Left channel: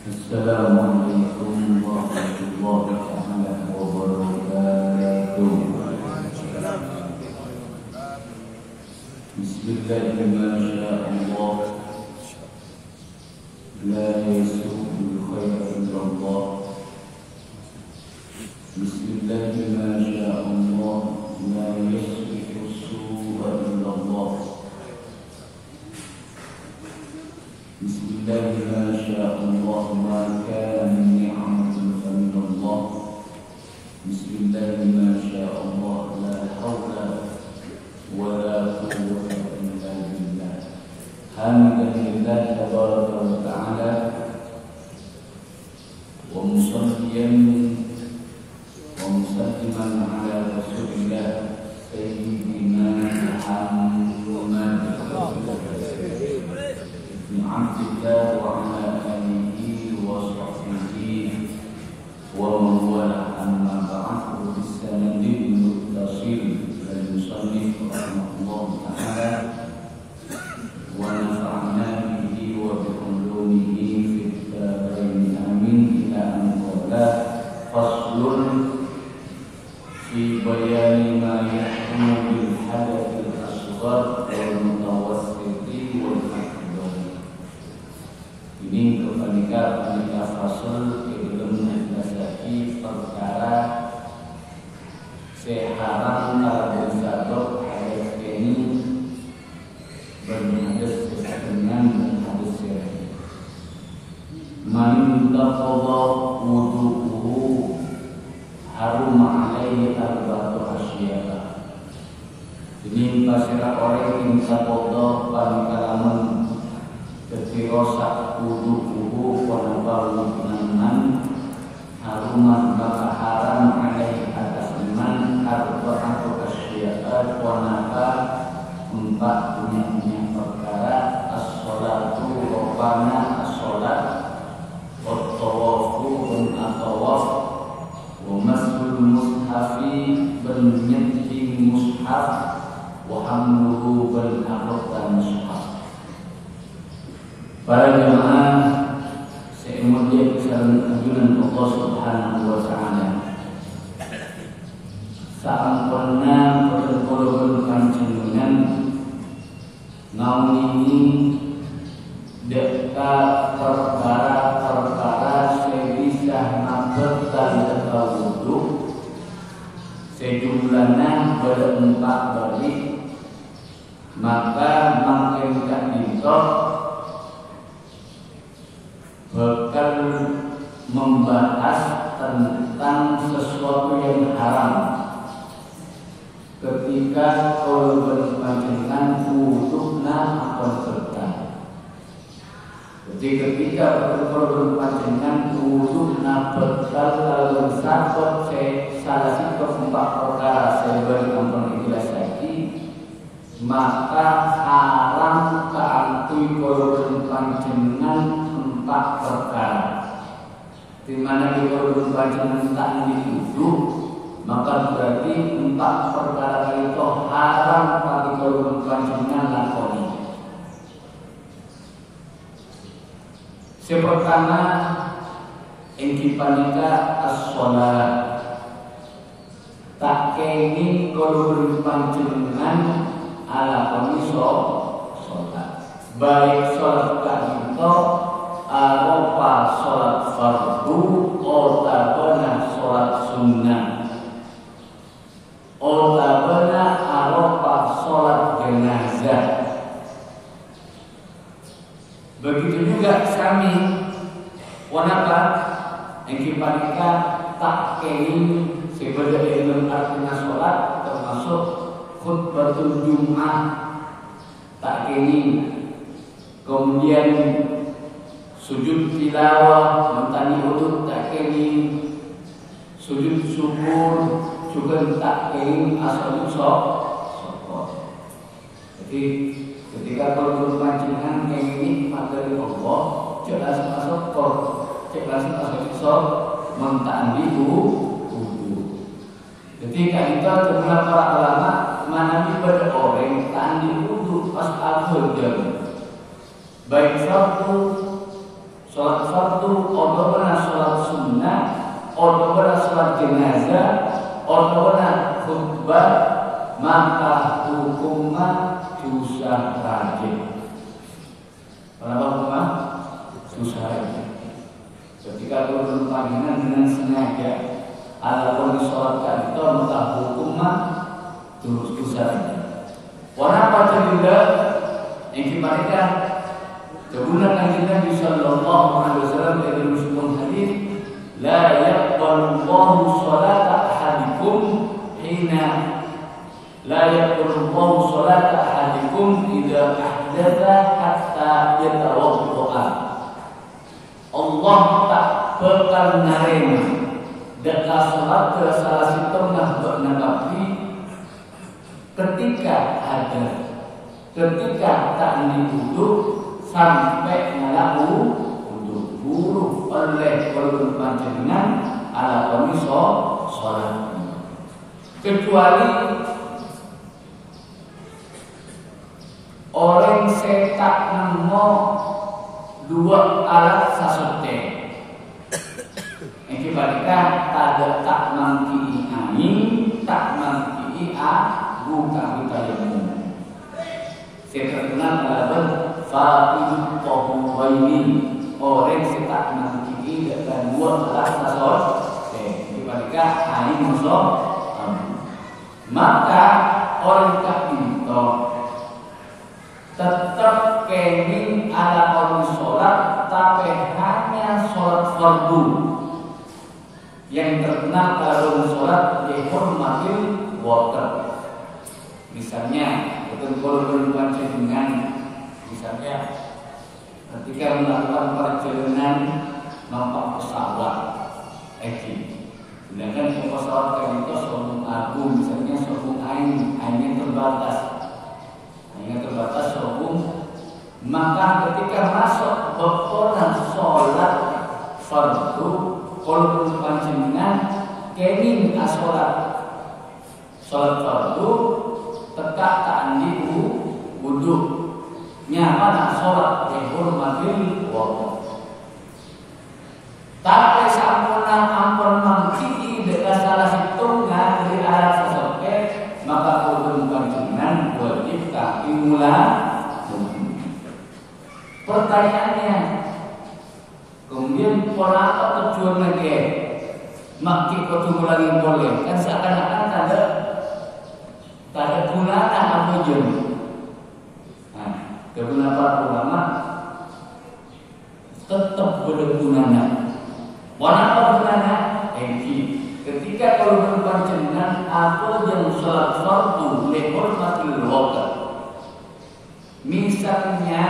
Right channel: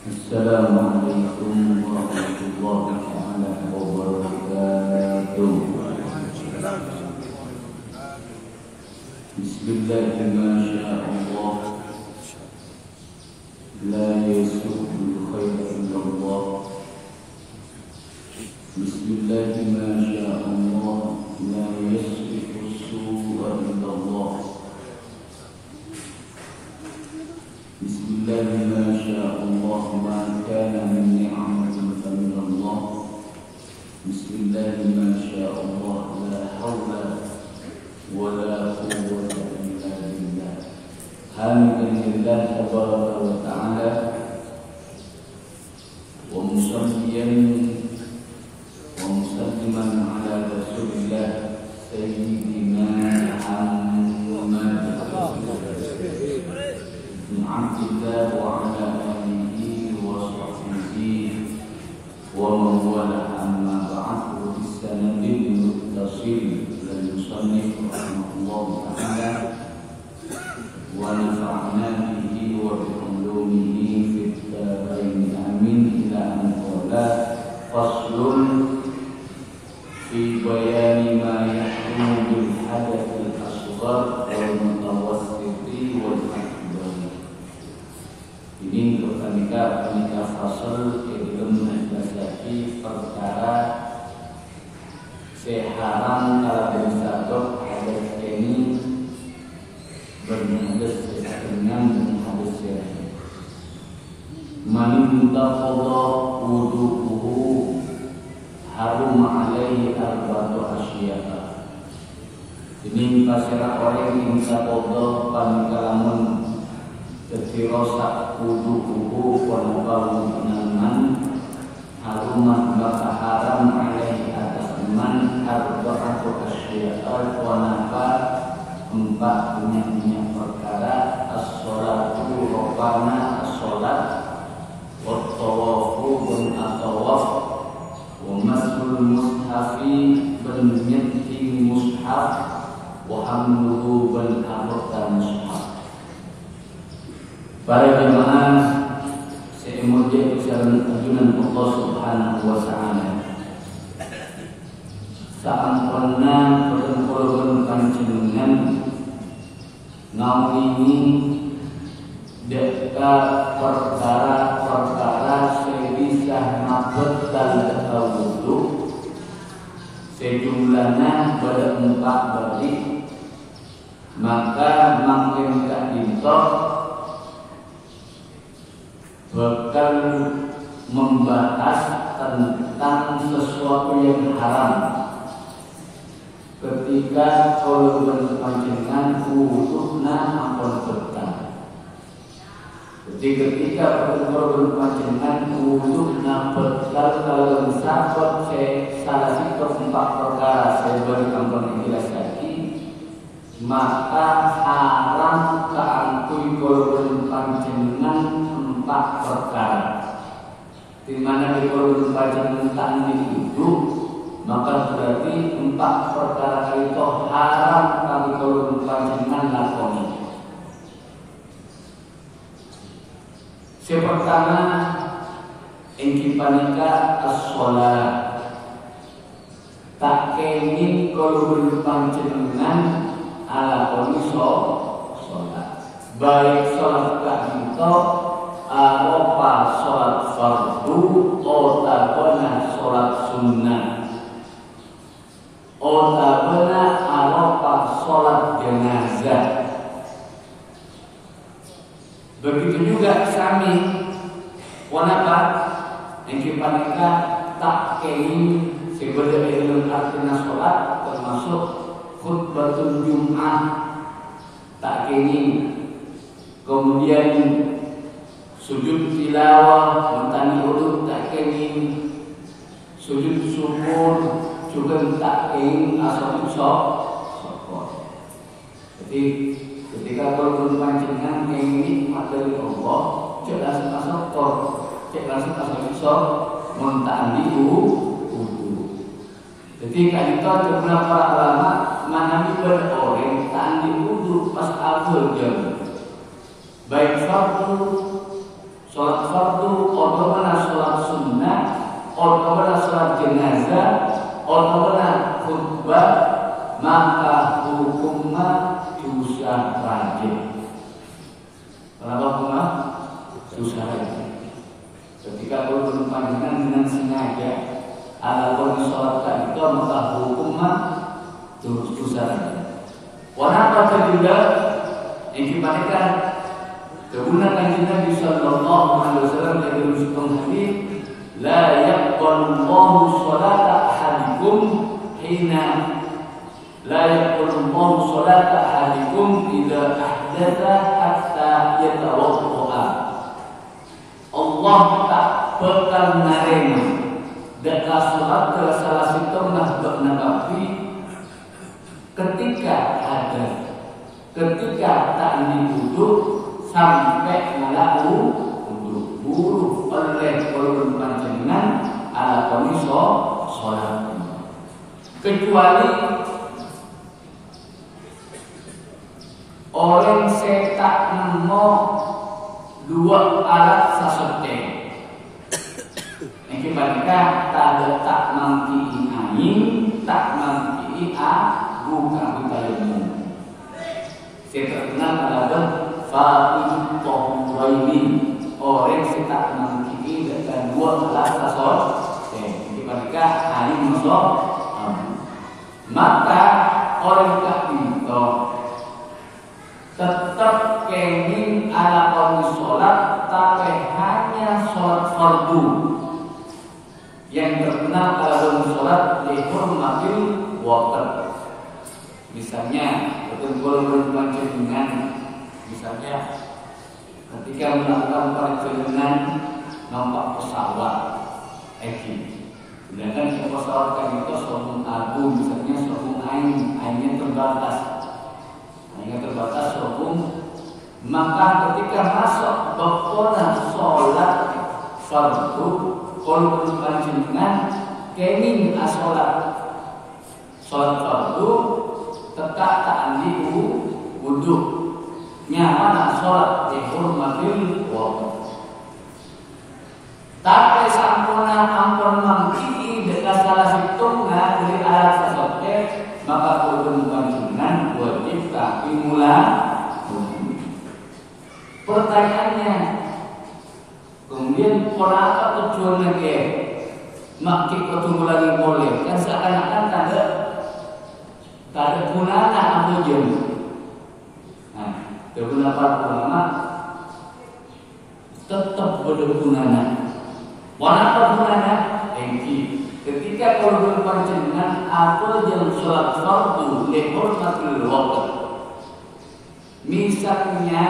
Assalamualaikum warahmatullahi wabarakatuh. Bismillahirrahmanirrahim. La yasu'ul khaira illallah. Bismillahirrahmanirrahim. La yasrifu su'a illallah. Bismillahirrahmanirrahim. Ma kana min ni'matin fa min Allah. Bismillahirrahmanirrahim. La hawla wa la quwwata illa billah. Hamidan lillah tabaraka wa ta'ala wa musalliyan wa musalliman ala rasulillah sayyidina Muhammad Abdillah wa ala alihi wa sahbihi wa man wala amma ba'du bisanadil muttasil lil musannif rahimahullah ta'ala wa nafa'na bihi wa bi ulumihi fid dharain amin ila an qala faslun fi bayani ma yahrumu bil hadathil asghar wal mutawassiti wal akbar. Ini kepanika fasal ilmu nasati perkara seharam kalau sadok hadis ini berhadis dengan hadis yang man taqadha wudu'uhu harum alaihi arba'atu asya'a. Ini pasirah orang yang taqadha panikalaman kefirosak wudu'uhu wanabau penaman haruman maka haram alaih atas iman arba'atu asya'a wanaba empat punya perkara as-sholatu rupana as-sholat wat-tawafu dan at-tawaf wa masul mushafi ben nyeti mushaf wa hamluhu ben arta mushaf. Para jemaah semuanya kesalan ajunan Allah Subhanahu wa ta'ala. Saampunna perkara panjenengan nauni deka perkara sebisa nabetan wudu sejumlahnya berempat bagi maka makin tak dintok bakal membahas tentang sesuatu yang haram ketika kalau berpanjangan wudukna akan berkah. Jadi ketika berpanjangan wudukna berkah kalau sakot salah satu empat perkara saya beri ampun ikhlas lagi maka haram keantui kalau berpanjangan empat perkara di mana di kolom panjangan tak duduk maka berarti empat perkara itu haram bagi kolom panjangan lakoni. Yang pertama ingkipanika as-sholat tak kenging kolom panjangan alakoni sholat baik sholat kita aropa sholat fardu otabana sholat sunnah otabana aropa sholat jenazah. Begitu juga kami wanapa yang kita tak ingin sebagai ilmu artinya sholat termasuk khutbatul Jum'ah tak ingin kemudian sujud tilawah mentani uduk tak ingin sujud syukur juga tak ingin asal syukur. Jadi ketika berpanjangan ini materi Allah jelas masuk jelas masuk mentani uduk. Jadi kan itu beberapa ulama mengambil berorang tandi wudu pas akhir jam baik fardu Sholat fardu, otomatis sholat sunnah, otomatis sholat jenazah, otomatis khutbah, maka hukumnya dosa wajib. Kenapa hukumnya dosa wajib? Ketika kulun panggilan dengan sengaja ala sholat tadi itu maka hukumnya dosa wajib. Warna pada juga yang mereka kegunaan Nabi sallallahu alaihi wasallam dari sebuah hadis, la yaqbalu Allahu sholata ahadikum hina la yaqbalu Allahu sholata ahadikum idza ahdatha hatta yatawadda. Allah tak pernah menerima dekat sholat ke salah satu nabi ketika ada, ketika tak diwudu sampai melaku wudu buru oleh kolon panjenengan ala kondisi sholat, kecuali orang setak nemo dua alat sasete. Yang kita tak mangki angin, tak mangki bukan tayamum. Saya terkenal adalah fa'idul tahuraini, orang yang tak mangki dan dua alat sasete. Jadi mereka angin masuk, maka orang tak minta tetap kenging ala kaum sholat, tapi hanya sholat fardu yang terkenal kalau sholat dihormatil water. Misalnya betul-betul panjenengan, misalnya ketika melakukan perjalanan nampak pesawat, sedangkan pesawat kan itu sombong agung, misalnya sombong ainnya terbatas. Hingga terbatas hukum, maka ketika masuk waktu sholat fardu, kalau panjenengan kenging sholat fardu tetap tak andi wudu, nyaman sholat dihormatil waktu. Tapi sampuna ampun mangki dekat salah satu dari alat sesuatu, maka kurun panjenengan wajib kami mula. Pertanyaannya, kemudian apa tujuannya ke? Maki kudu lagi boleh, kan seakan-akan tak ada gunanya apa jadi. Nah, kegunaan para ulama tetap berguna. Warna apa gunanya? Ketika kalau panjenengan aku yang sholat fardu dihormatil waktu, misalnya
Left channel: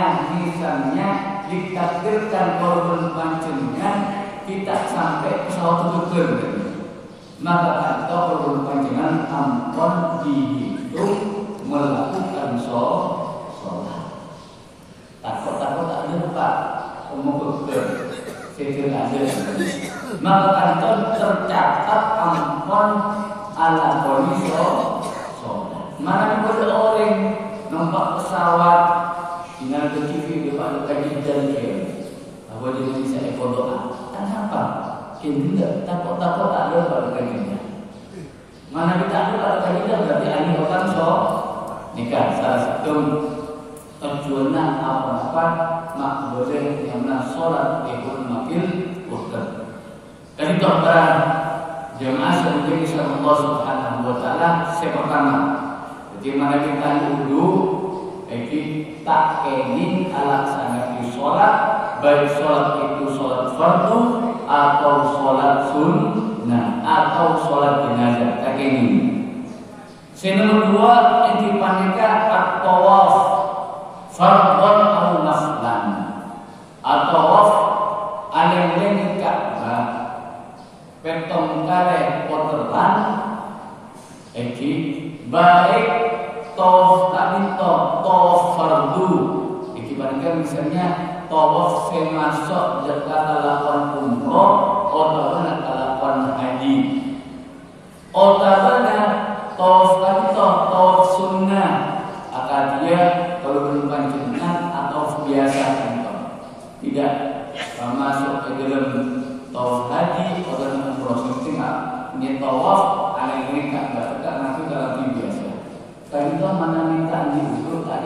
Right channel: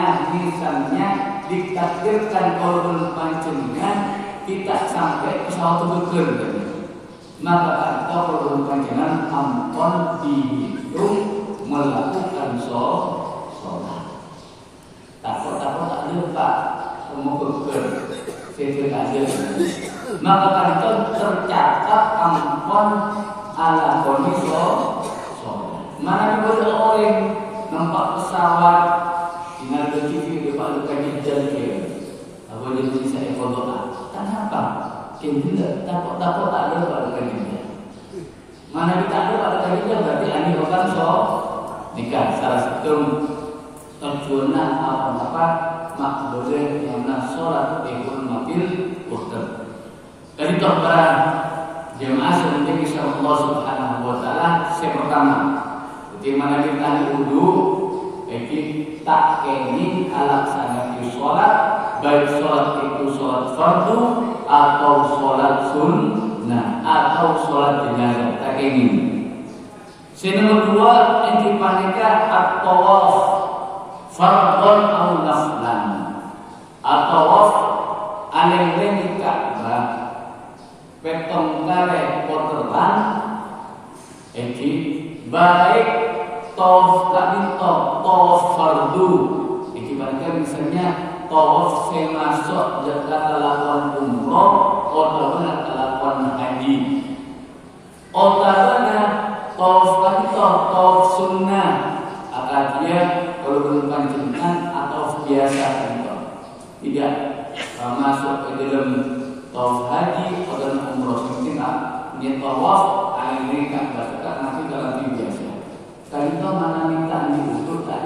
ditakdirkan kalau panjenengan tidak sampai pesawat terbang, maka atau kalau panjenengan ampun dihitung melakukan sholat. Takut ada pak umur maka kantor tercatat ampun ala kondisi sholat. Mana boleh orang nampak pesawat sinar ke TV depan kaji jalan apa dia bisa ekonomi. Kenapa? Kita takut ada pada kaji. Mana kita ada pada kaji berarti ini bukan nikah. Salah satu tujuannya apa mak boleh yang sholat dihormatil waktu. Dari total jemaah sementing insya Allah Subhanahu Wa Taala pertama, bagaimana kita wudu, tak kenging alasannya sholat, baik sholat itu sholat fardu atau sholat sunnah atau sholat jenazah, tak kenging. Nomor dua yang dipanggilkan at-tawaf fardhon atau naflan, at-tawaf aleng-aleng Ka'bah petong kare poteran, baik tawaf tadi tawaf fardu, dibandingkan misalnya tawaf yang masuk dekat lakukan umroh atau lakukan haji, atau tawaf tadi tawaf sunnah, akan dia kalau belum panjangkan atau biasa tidak masuk ke dalam tawaf haji atau umroh mesti dia tawaf kali ini kan berdekat nanti dalam biasa. Kali itu mana minta diukur tak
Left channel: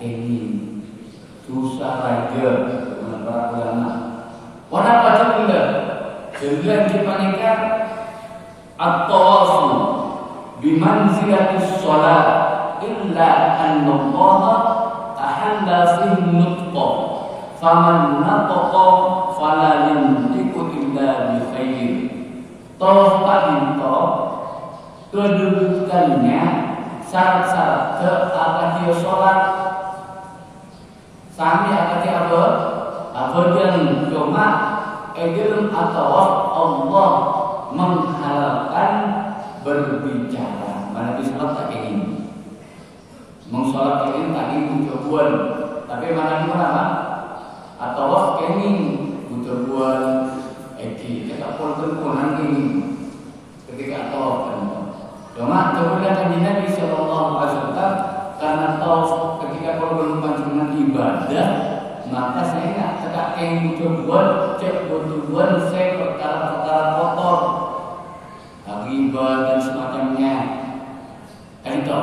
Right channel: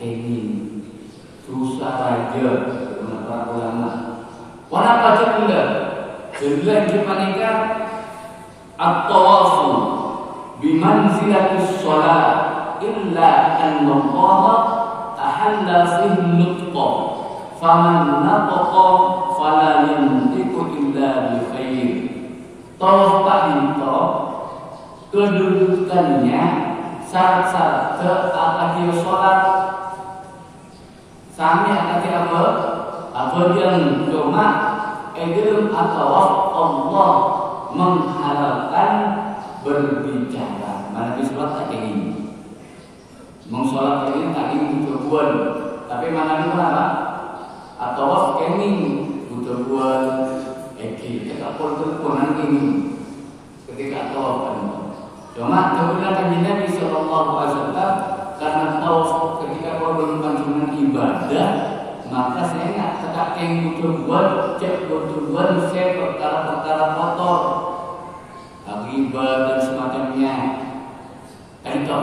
ini susah raja dengan para ulama. Warna pada pula dengan dipanikkan at-tawafu bimanzilatus shalat illa an Allah ahalla fihi nutqa faman nataqa fala yantiqu illa bi khair. Tawaf itu kedudukannya syarat-syarat ke akadiyah sholat sami akadiyah apa yang cuma egelum atau Allah mengharapkan berbicara mana disebut tak ini mengsolat ini tak ini butuh buat tapi mana di mana atau ini butuh buat tak perlu nanti ketika tawaf cuma kemudian Nabi Sallallahu Alaihi Wasallam karena tawaf ketika korban panjungan ibadah maka saya nak tegak yang buat cek buat saya perkara-perkara kotor akibat dan semacamnya itu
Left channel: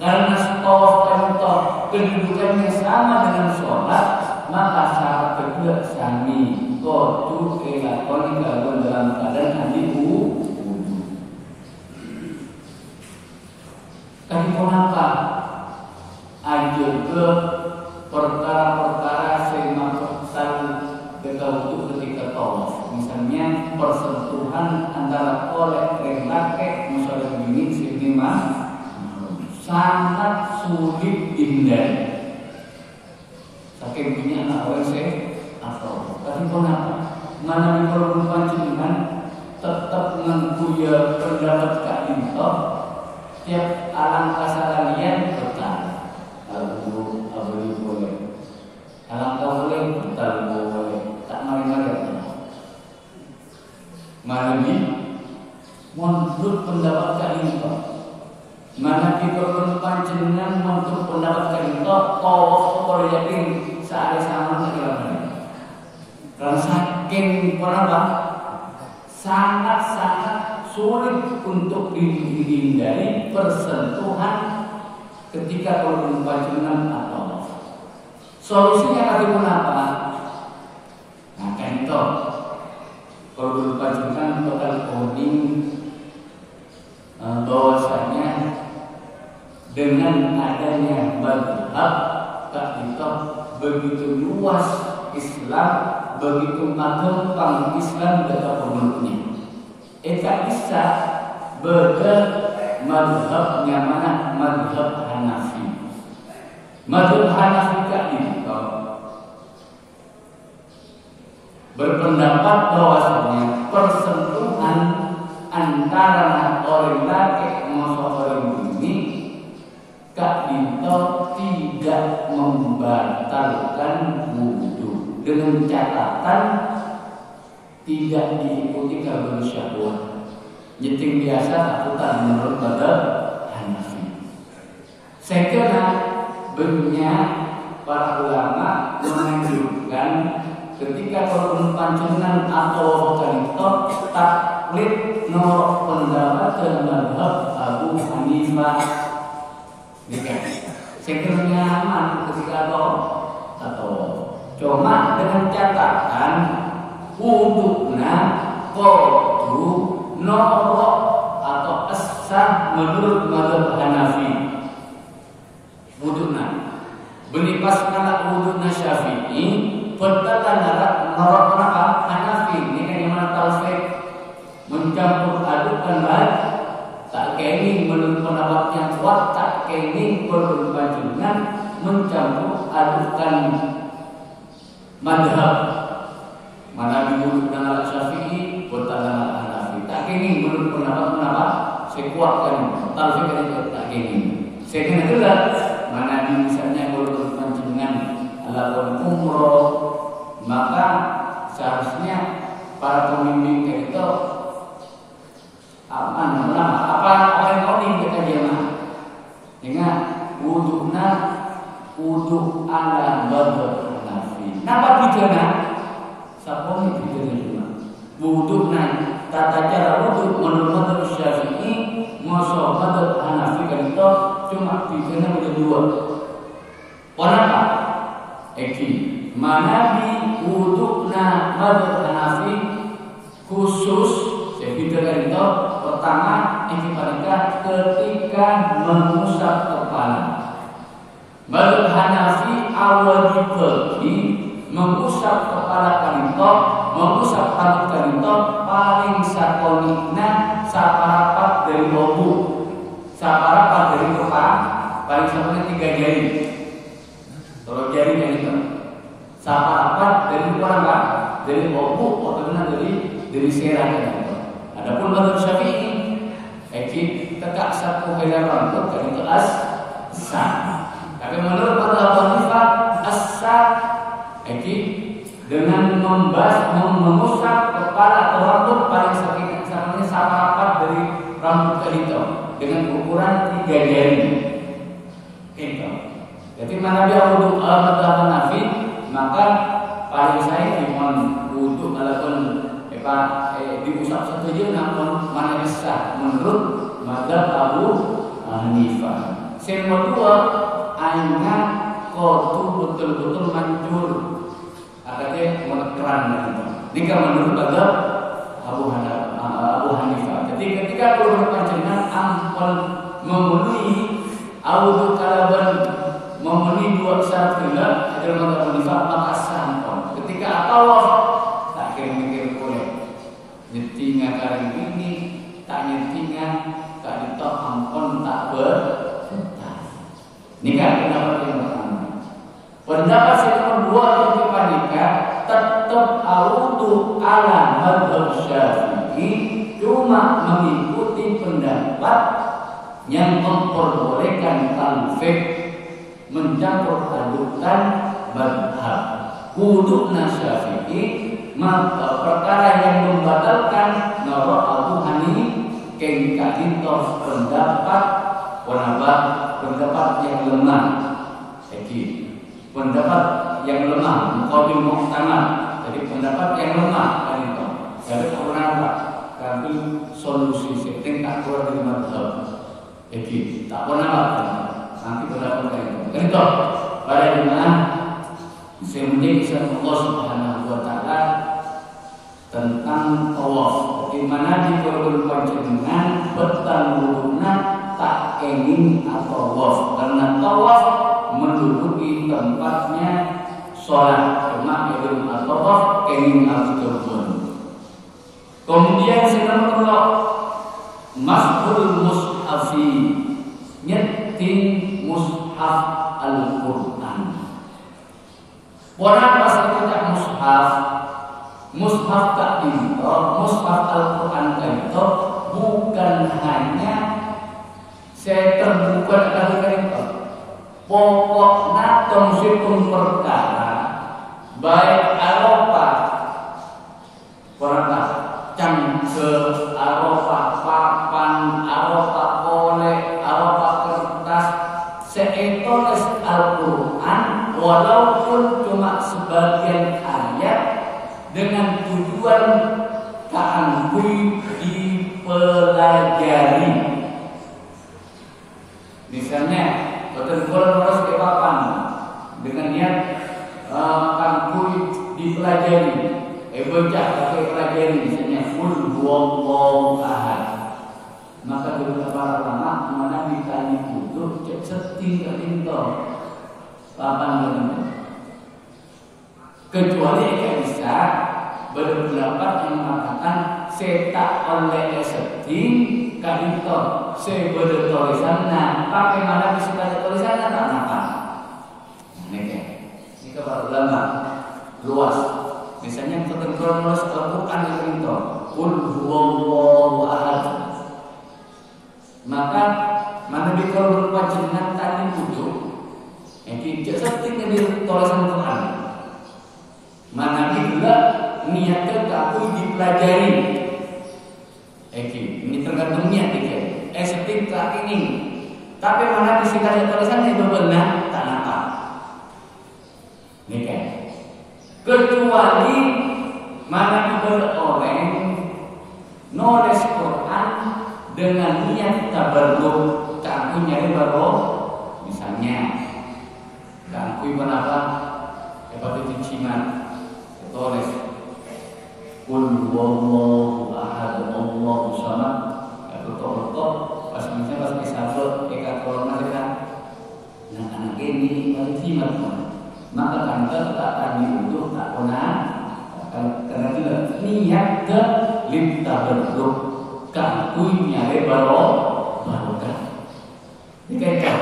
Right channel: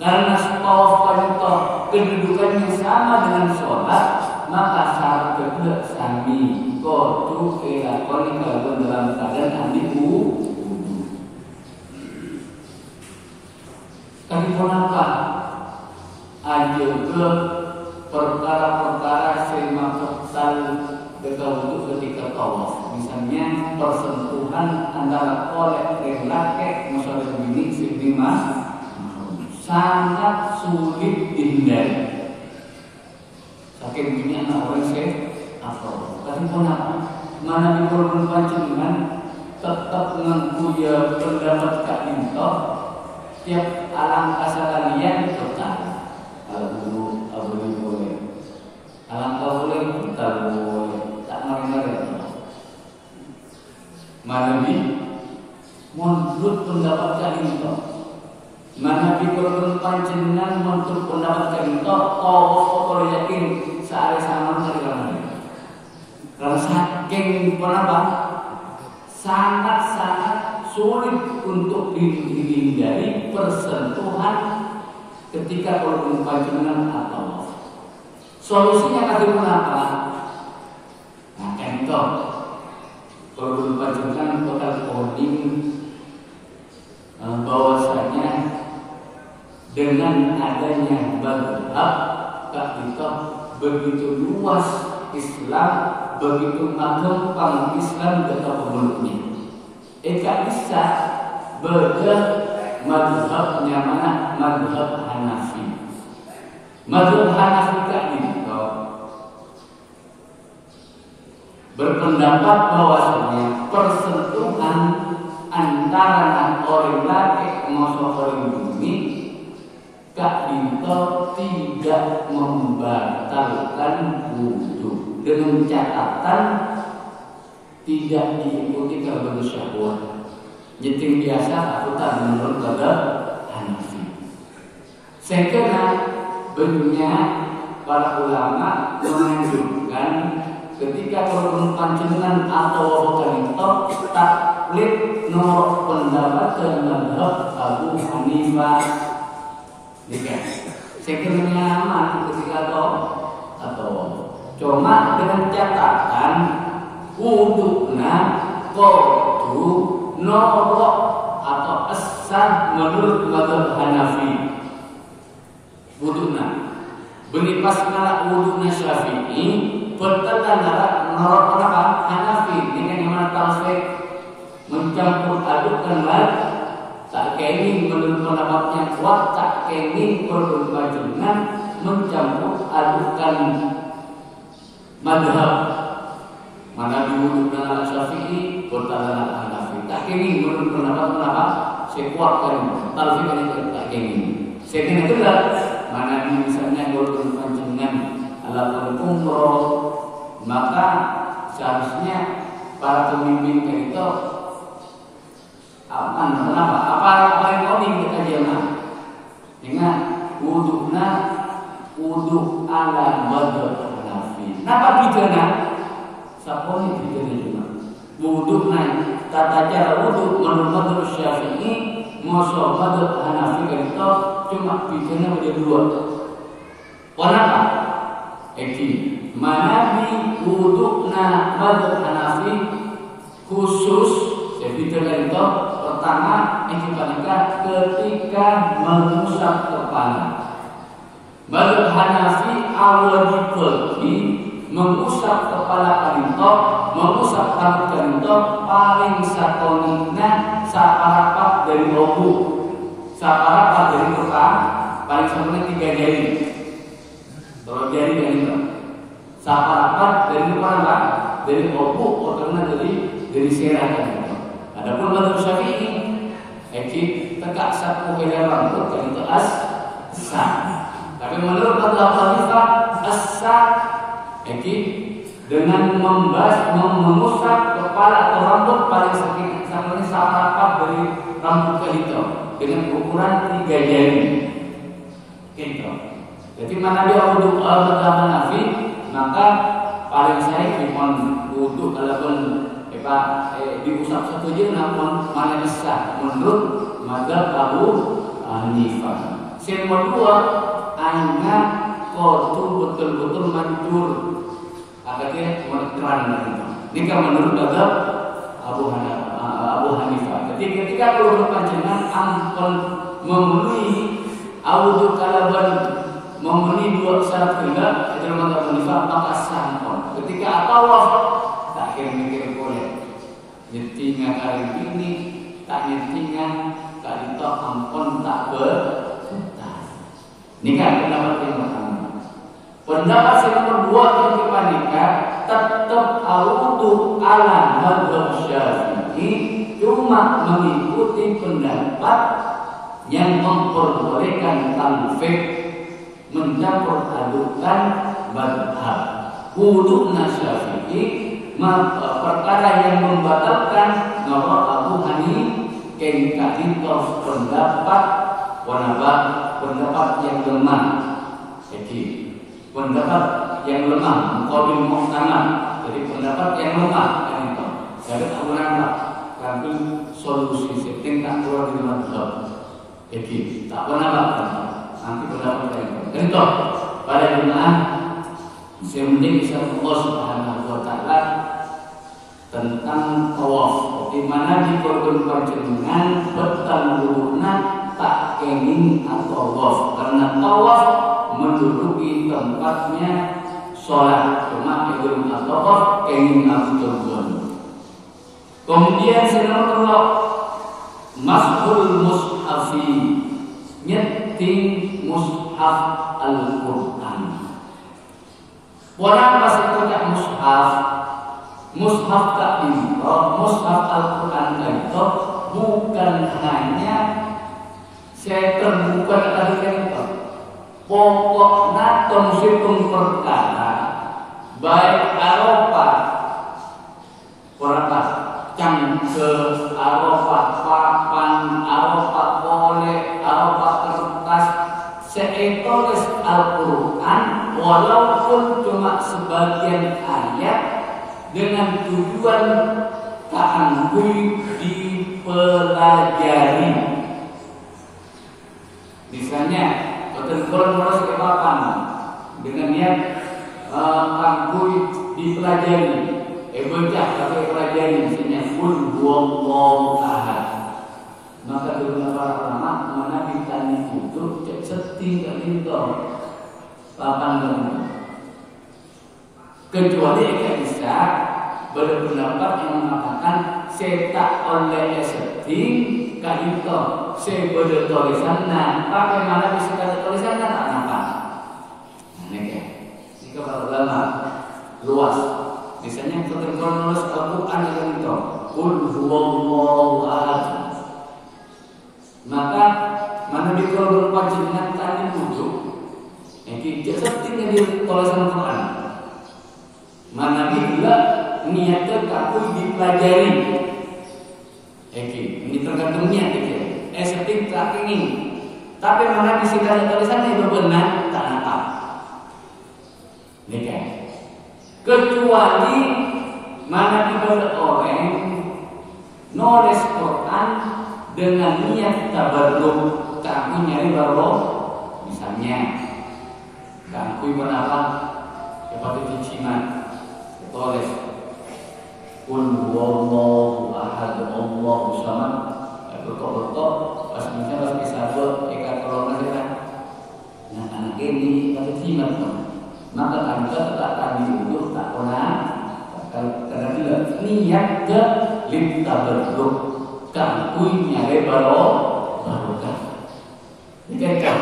karena tawaf itu kedudukannya sama dengan sholat maka syarat kedua sami kotu kelakon dalam keadaan nanti wudu. Tapi kenapa aja ke perkara-perkara semakal bertawaf ketika tawaf, misalnya persentuhan antara oleh laki-laki musuh bini seiman sangat sulit dihindari. Saking punya anak orang saya atau tapi kenapa? Mana di korban pancingan tetap mengkuya pendapat kak minta tiap alam kasaranian bertanya Abu boleh alam kau boleh kita boleh tak mari-mari mana di menurut pendapat kak minta mana di korban pancingan menurut pendapat kak minta kau yakin sehari sama lagi karena saking kenapa sangat-sangat sulit untuk dihindari persentuhan ketika korban pancingan atau solusinya apa? Nah kan itu korban pancingan total coding bahwasanya dengan adanya madhab tak itu begitu luas Islam begitu gampang Islam tetap pemeluknya. Tak bisa beda madhabnya mana madhab Hanafi. Madhab Hanafi itu berpendapat bahwasanya persentuhan antara orang laki sama orang bini kak itu tidak membatalkan wudu dengan catatan tidak diikuti karena syahwat. Jadi biasa aku tak menurut pada Hanafi. Saya kira banyak para ulama menunjukkan ketika korban pancingan atau wanita taklid nomor pendapat dengan Abu Hanifah. Saya kira nyaman ketika atau cuma dengan catatan wudukna kudu norok atau asah menurut mazhab Hanafi. Wudukna beli pas ngalak wudukna Syafi'i berkata norok Hanafi ini yang mana talfik mencampur adukkan lagi tak kenging menurut pendapat yang kuat tak kenging berkelanjutan mencampur adukkan madhab mana diwuduk dengan Syafi'i bertanya dengan Hanafi tak kenging menurut pendapat saya kuatkan talfik yang tak kenging saya kena juga mana di misalnya berkelanjutan ala umroh maka seharusnya para pemimpin itu apa yang kau ingin kita jemaah dengan wudukna wuduk ala madhab Hanafi Napa pidana? Sapone pidana cuma. Wudhu naik tata cara wudhu menurut mazhab Syafi'i, mazhab Hanafi kan itu cuma pidana menjadi dua. Kenapa? Manabi wudhu na mazhab Hanafi khusus pidana itu pertama ketika mengusap kepala. Mazhab Hanafi awal mengusap kepala kanito, mengusap rambut kanito paling sakonina saparapat dari obu, saparapat dari kepala paling sakonina 3 jari. Kalau jari kanito, saparapat dari kepala dari obu, otorna dari serah kanito. Adapun mazhab Syafi'i, tegak sapu belan rambut kanito as-sah. Tapi menurut mazhab Hanifah as-sah dengan mengusap kepala atau rambut paling sakitnya saparapat dari rambut kanito dengan ukuran 3 jari. Gitu. Jadi mana dia wudhu mazhab Hanafi, maka paling saya mohon wudhu walaupun diusap satu jam namun mana sah menurut mazhab Abu Hanifah. Yang kedua, hanya kotu betul-betul manjur, agaknya meneran itu. Ini kan menurut mazhab Abu Hanifah. Jadi ketika keluar panjenengan ampun memenuhi wudhu kalaban memenuhi 2 syarat bila adalah mazhab Hanifah maka sampun. Ketika apa wafat tak mikir boleh. Nyetinga kali ini tak nyetinga tak ditok ampun tak ini kan pendapat yang pertama. Pendapat yang kedua ketika nikah tetap wudhu ala mazhab Syafi'i, cuma mengikuti pendapat yang memperbolehkan talfik mencampur adukkan mazhab. Wudhu Syafi'i perkara yang membatalkan menurut Abu Hanifah kengkahintos pendapat yang lemah. Pendapat yang lemah muqabil muhtamad. Jadi pendapat yang lemah kan itu. Jadi Abu Hanifah kami solusi setting tak keluar dari mazhab. Tak pernah kan. Nanti pendapat itu. Itu pada jemaah sementing Allah Subhanahu wa taala tentang tawaf. Di mana di korban panjenengan petang wuduna tak kenging atau tawaf, karena tawaf menduduki tempatnya sholat, cuma belum tawaf kenging atau. Kemudian selanjutnya mas'ul mushafi, nyeting mushaf Al-Quran. Orang rasa tidak mushaf tak itu, mushaf Al-Quran itu bukan hanya saya terbuka dari itu. Pokoknya tongsitung perkara baik Arafah, perkara cangke Arafah, papan Arafah, oleh Arafah kertas, seetoles Al-Quran walaupun cuma sebagian ayat dengan tujuan ta'ambuy dipelajari. Misalnya betul-betul harus ke papan dengan niat ta'ambuy dipelajari. Bocah tapi pelajari misalnya qul huwallahu ahad. Maka dengan para ulama mana ditanya itu cek setinggal itu papan benar. Kecuali jika bisa berpendapat yang mengatakan setak oleh setting kahito sebeda tulisannya pakai mana bisa ada tulisannya tak nampak. Ini jika para ulama luas. Misalnya terkenal Al-Quran itu qul huwallahu ahad. Maka mana dikol berpacingan tadi wudhu. Jadi sepertinya di tulisan Quran. Mana bila niatnya takut dipelajari. Ini tergantung niat dia. Seperti tak ini. Tapi mana bisa ada tulisan yang berbenah tak nampak. Ini kan. kecuali mana kepada orang nulis Quran dengan niat tabarruk, tak aku nyari baru, misalnya, tak aku apa, seperti ciciman, tulis, Qul huwallahu ahad, Allahu samad, betul-betul, pas misalnya pas bisa buat ikat corona kita, nah anak ini harus cimat. Maka anda tak diundur tak pernah karena tidak niat ke kita berdua kakui nyari barokah. Dikatakan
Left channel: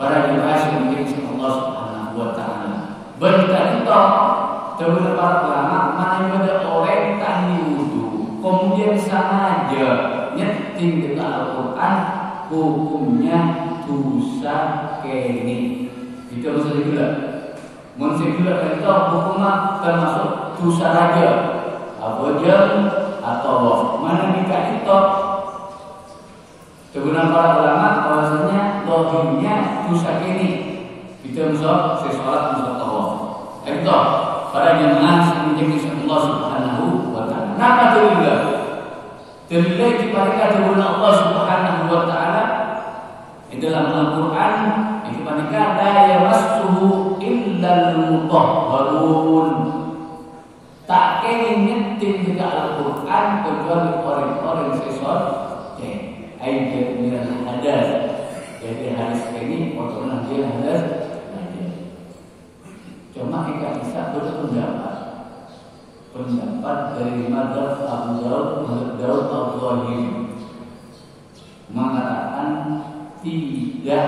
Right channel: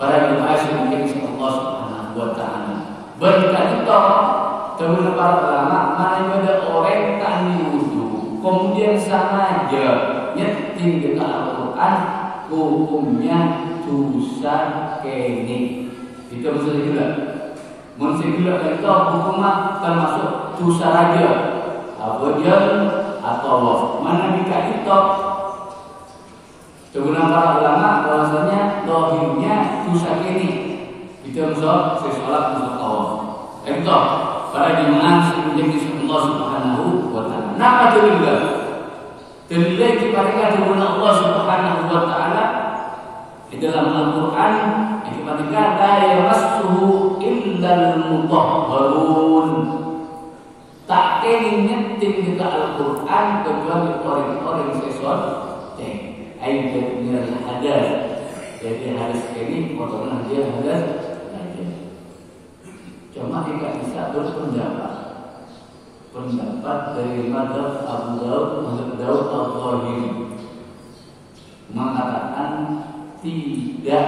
para jemaah semuanya Allah Subhanahu wa taala. Berkata terus para ulama mana ada orang tak diundur kemudian sengaja nyeting dengan Al-Quran hukumnya dosa kene. Itu maksudnya juga. Manusia juga itu hukumnya termasuk dosa raja, abojal atau mana nikah itu. Kegunaan para ulama bahwasanya dohimnya dosa ini. Itu maksud sesolat maksud Allah. Itu para jemaah semuanya Allah Subhanahu wa taala. Napa juga? Kemudian diparikan kepada Allah Subhanahu wa taala di dalam Al-Quran dikatakan la yamassuhu illal mutahharun. Tak ingin nyeting kita Al-Quran kecuali orang-orang sesuai ayat minal hadas. Jadi hadis ini otomatis dia hadas. Cuma kita bisa pendapat dari mazhab Abu Daud Al-Zahiri mengatakan tidak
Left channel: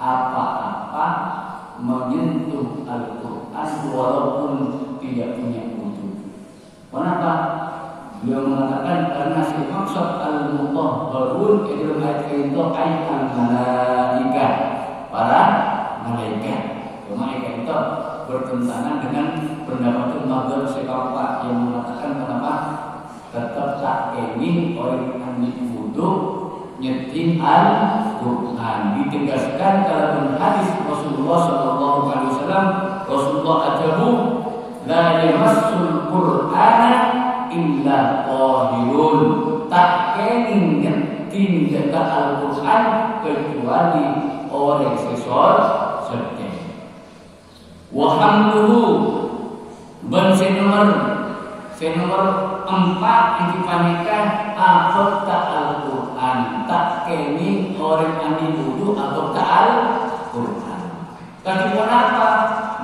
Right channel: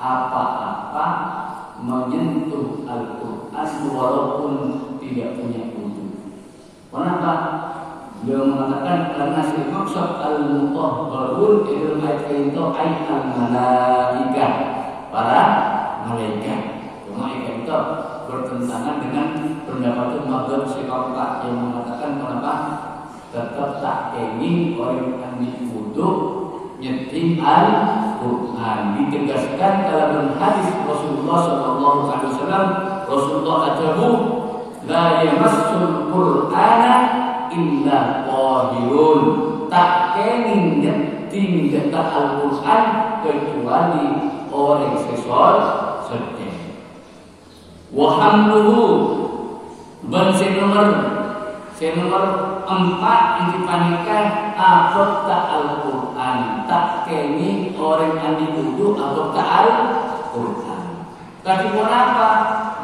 apa-apa menyentuh Al-Quran walaupun tidak punya wudu. Kenapa? Beliau mengatakan karena si maksud al-mutahharun itu ayat itu ayat al-malaikah, para malaikat. Malaikat itu bertentangan dengan pendapat mazhab Syafi'i yang mengatakan kenapa tetap tak ingin orang yang wudu nyeting Al-Quran. Ditegaskan dalam hadis Rasulullah SAW. Rasulullah ajabu la yamassul Qur'ana illa qahirun. Tak ingin nyeting tentang Al-Quran kecuali orang sesuai sedih. Wahamluhu ban nomor 4 yang dipanikkan akhota Al-Quran. Tak kini orang yang wudu akhota Al-Quran. Tapi kenapa?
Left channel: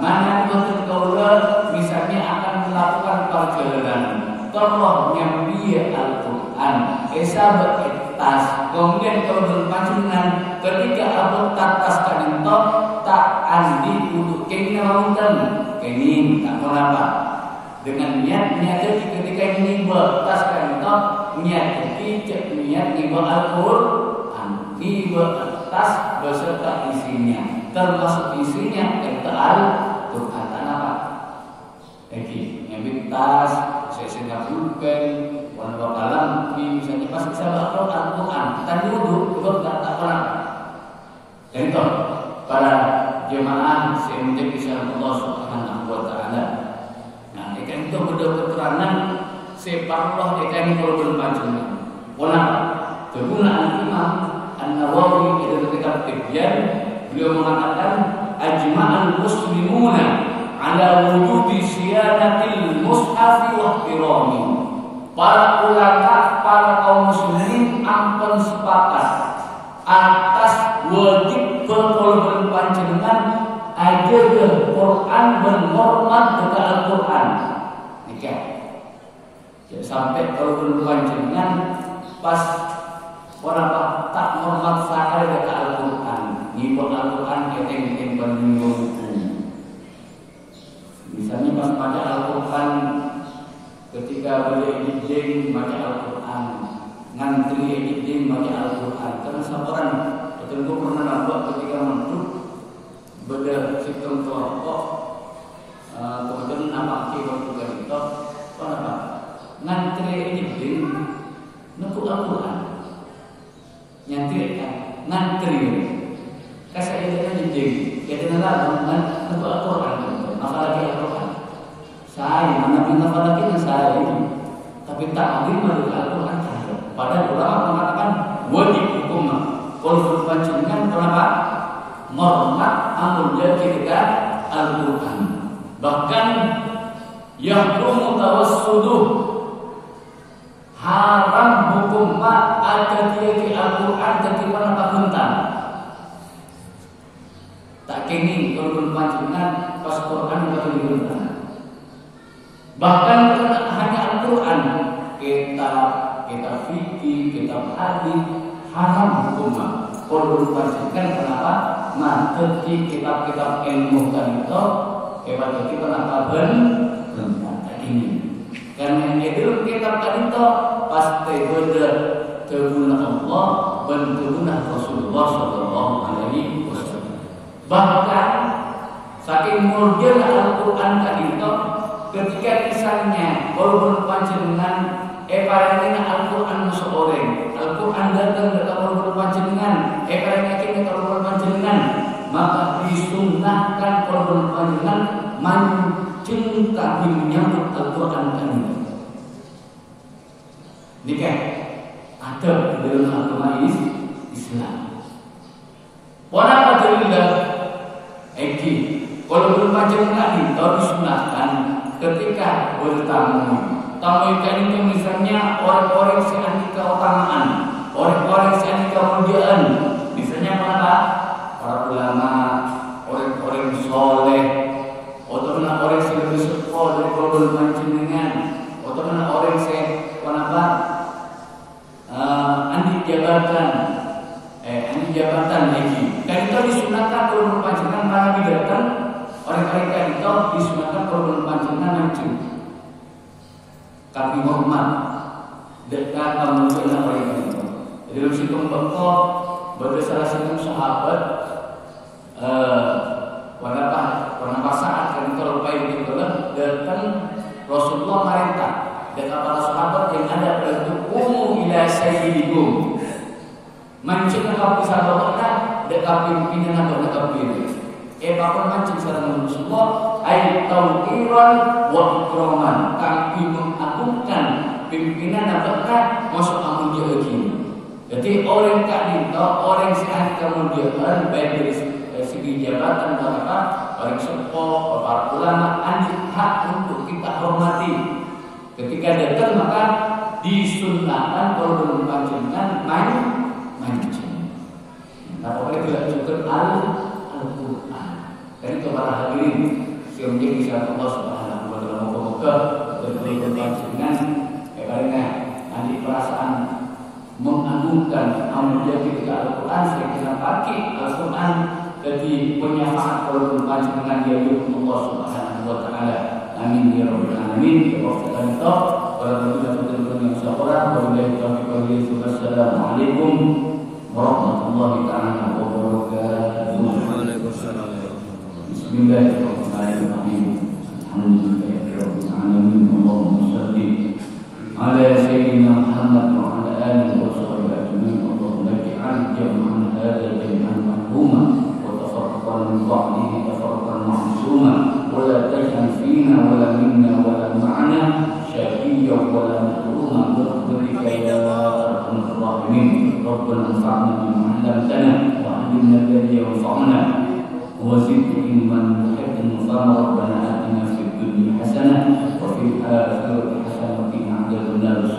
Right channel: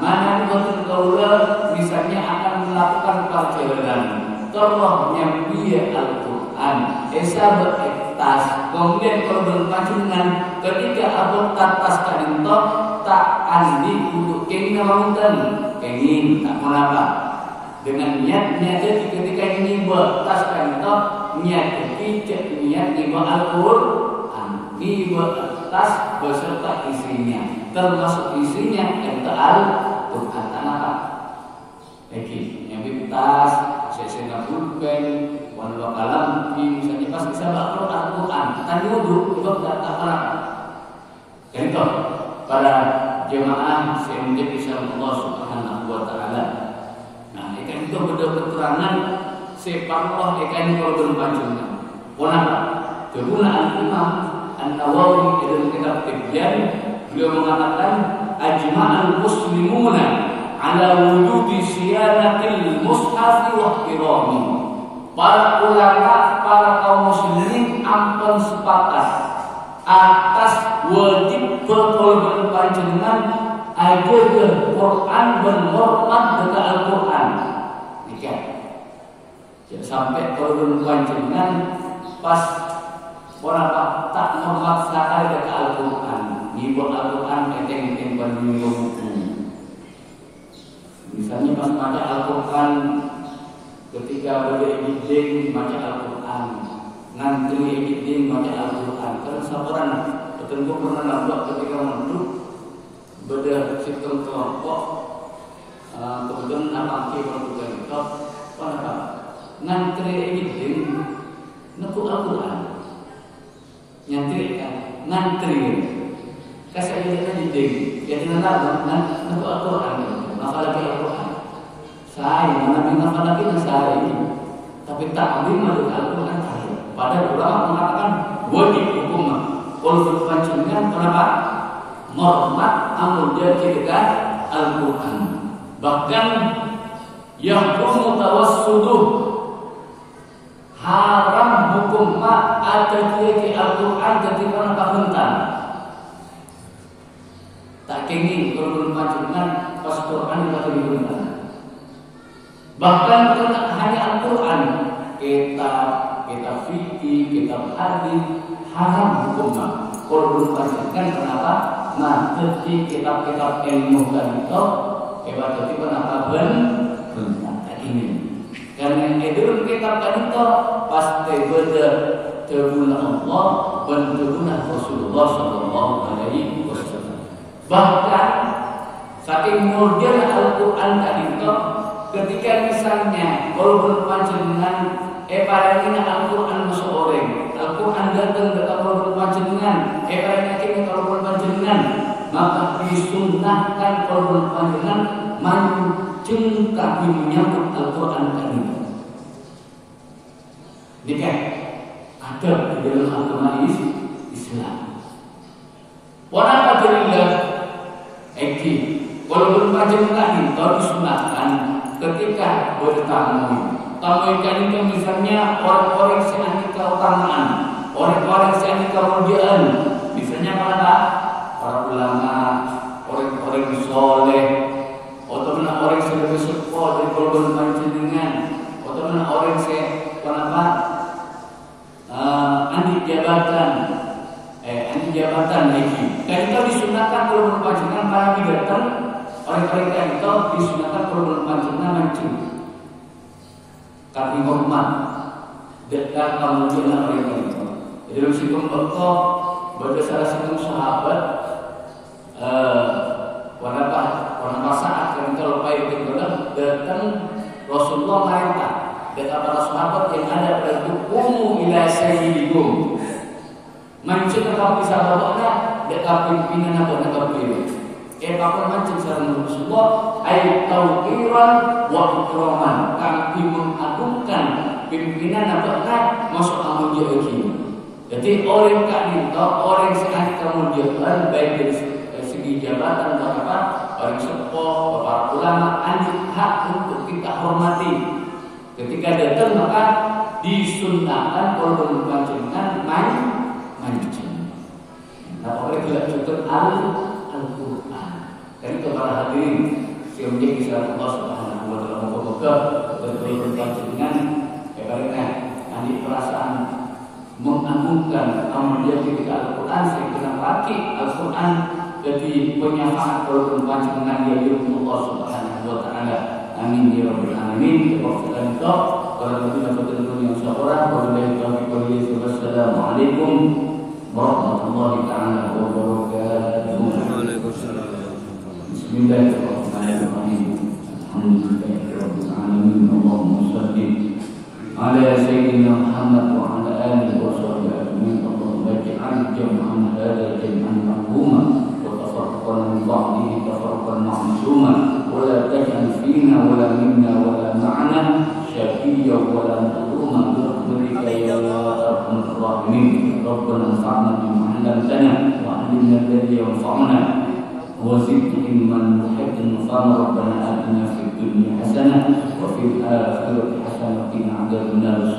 Mana betul kaulah misalnya akan melakukan perjalanan kalau nyambi Al-Quran esa beretas kemudian berpancingan ketika akhota tas kanentok tak andi wudu kini namunten kini tak kenapa dengan niatnya jadi ketika ini buat tas kantor niat kecil niat buat Al-Quran ini buat tas beserta isinya termasuk isinya kata Al-Quran apa? Oke, nyambil tas saya bukan warna kalam misalnya pas bisa baca Al-Quran tadi duduk itu tak apa contoh pada jemaah semenjak bisa Allah Subhanahu wa taala. Nah, ikan itu betul keterangan separuh ikan kalau berpanjang. Kenapa? Kegunaan Imam An-Nawawi dalam kitab Tibyan beliau mengatakan ajma'al muslimuna ala wujudi siyanatil mushaf wa ihtirami. Para ulama, para kaum muslimin ampun sepakat atas wajib berpanjangan ada ke Quran berhormat dengan Al-Quran. Jika sampai berpanjangan pas orang tak memaksakan dengan Al-Quran, ngibon Al-Quran keteng-keteng banding. Misalnya pas pada Al-Quran ketika berdiri baca Al-Quran, ngantri eding baca Al-Quran. Karena sabaran betul pernah nampak ketika menurut beda sistem kelompok kemudian apa waktu itu apa ngantri eding nukuk Al-Quran ngantri kasih eding jadi dengan lagu nukuk Al-Quran maka lagi Al-Quran. Saya, Nabi Muhammad lagi saya ini. Tapi takdim menurut Al-Quran saya. Pada ulama mengatakan wajib hukum. Kalau pancingan kenapa? Mormat amun jadi kita Al-Quran. Bahkan yang mutawassuluh haram hukum mak ada di Al-Quran jadi mana kahuntan. Tak kini kalau pancingan pas Quran atau dihuntan. Bahkan hanya Al-Quran, kitab fikih, kitab hadis haram hukumnya. Kalau dipastikan kenapa? Nah, ketika kitab-kitab ilmu tadi itu, berarti kenapa ini? Karena itu kitab tadi itu pasti beda teguna Allah, bentuknya Rasulullah Sallallahu Alaihi Wasallam. Bahkan saking murjana Al-Quran tadi itu, ketika misalnya kalau berpanjangan paling Al-Quran seorang Al-Quran datang kalau berpanjangan paling akhirnya kalau berpanjangan maka disunnahkan kalau berpanjangan mancing kami menyambut Al-Quran ini. Jika ada di dalam Al-Quran Islam wanapa dalillah kalau berpanjangan ini kalau disunnahkan ketika bertamu ikan itu misalnya orang-orang yang anti keutamaan, orang-orang yang anti kemuliaan, misalnya mana? Para ulama, orang-orang soleh, atau mana orang yang bersekolah dari korban panjenengan, atau mana orang yang anti jabatan lagi. Dan itu disunahkan kalau berpanjenengan lagi datang, orang-orang itu disunahkan kalau berpanjenengan mancing. Kami hormat dekat kemudian orang itu. Jadi situ tokoh bagi salah satu sahabat wanita saat kalau payah itu datang Rasulullah merintah dan para sahabat yang ada pada itu ila sayyidikum. Mancing kalau bisa bawa dekat pimpinan atau dekat diri. Bahkan mancing salam Rasulullah ayat tauqiran wa ikraman, kami mengagungkan pimpinan apakah masuk amun dia begini. Jadi orang tadi orang sekali kemudian baik dari segi jabatan atau apa orang sepuh para ulama anjing hak untuk kita hormati. Ketika datang maka disunnahkan kalau berpanjangan mancing. Nah orang tidak cukup Al-Quran. Jadi kepada hadirin yang menjadi satu Allah Subhanahu wa taala moga berberikan panjenengan karena nanti perasaan mengagungkan amal yang kita Al-Quran secara pasti Al-Quran jadi penyafaat kalau panjenengan dari Allah Subhanahu wa taala. Amin ya rabbal alamin. Wassalamu warahmatullahi wabarakatuh. Wassalamualaikum warahmatullahi taala wabarakatuh. Waalaikumsalam. Bismillahirrahmanirrahim. Alhamdulillahirabbil alamin. Allahumma shalli ala sayyidina Muhammad wa ala alihi wa sahbihi ajma'in. Allahumma ij'al jam'ana hadha jam'an marhuma wa tafarraqana min ba'dihi tafarraqan ma'suma wa la taj'al fina wa la minna wa la ma'ana syaqiyya wa la mahruma bi rahmatika ya arhamar rahimin. Rabbana anfa'na bima 'allamtana wa 'allimna alladhi yanfa'una وزد علما محبا ربنا آتنا في الدنيا حسنة وفي الآخرة حسنة وقنا عذاب النار.